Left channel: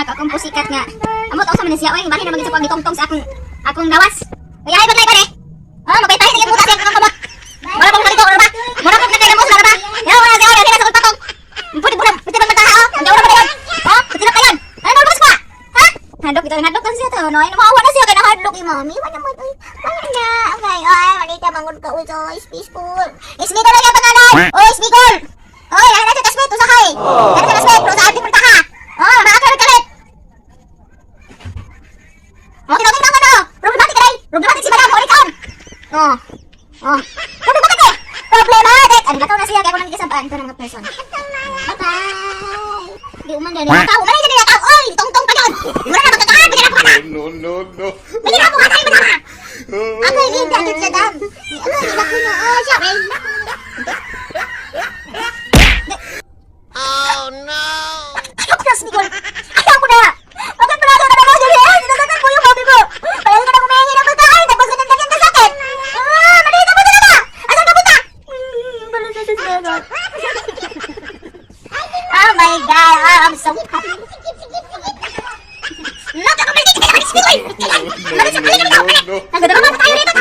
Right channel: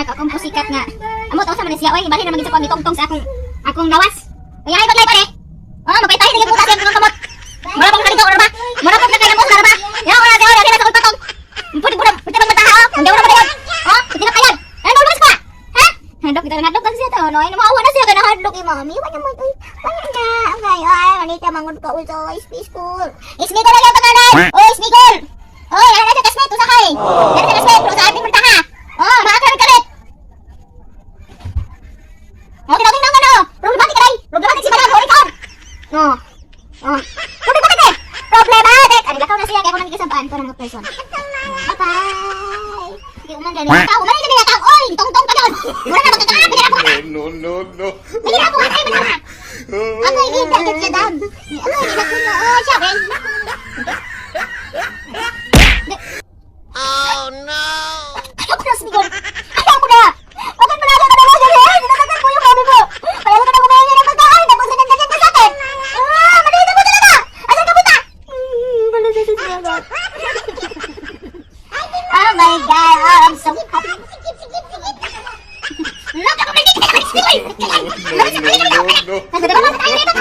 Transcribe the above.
anak, akong pusikat nga. Amo tong sa man siya, oy, bali na magit sa pagitongtong sa akong lawas. Kaya ay badlay pare. Oh, magpaytahin na yung butas ng kamot. Mala pang halito ba? Mala pang nakay mo sa ba? Yo, ana sa ore, kaya sa patong. Pudi pati man taha, ang gawra ba yan? Oh, pati na kayan. Ano lumas ka? Ha? Hadlok kita hadlok kan siya to, no? Ay maawa na siya kana hadlok ni mami. Wala mo oy. Wala na. Ay, ay, manita mangud ka uso, ispikol. Ispikol na yung pangalan. Oh, ispikol. Oy, ana sa kasmet usakay. Ana sa kasmet, sa ating taha. Oh, maakar kalit. Oh, tinawag na ano? Problematic ray. Problematic si Madam Horicon. Oh. Oh. Problematic eh. Problematic. Ano gataw na siya kaya ko lang ikasabaan to ng person. Bye. Di uman yan. Tao, mali na tao. Oy, tong-tong ka doon. Wala na magkakahan. Bigyan ako ka. No. Bigyan ako ka. Ako hindi agad sa dam. Oh, siya. Oh no! Ayaw ko na, Smigol. Ayaw ko na. Bakit malalo na naman dyan eh? Dinagdagan ko yung mami ko. Kaya ka na kumain ng pagkain. Tapos ka nang ganyan ka sa akin. Malita mo talaga. Asan ka punta? Malita sa sagot. Oh my God. I'm so happy. Look, ako may tigil. No. Nasa ba tayo dito?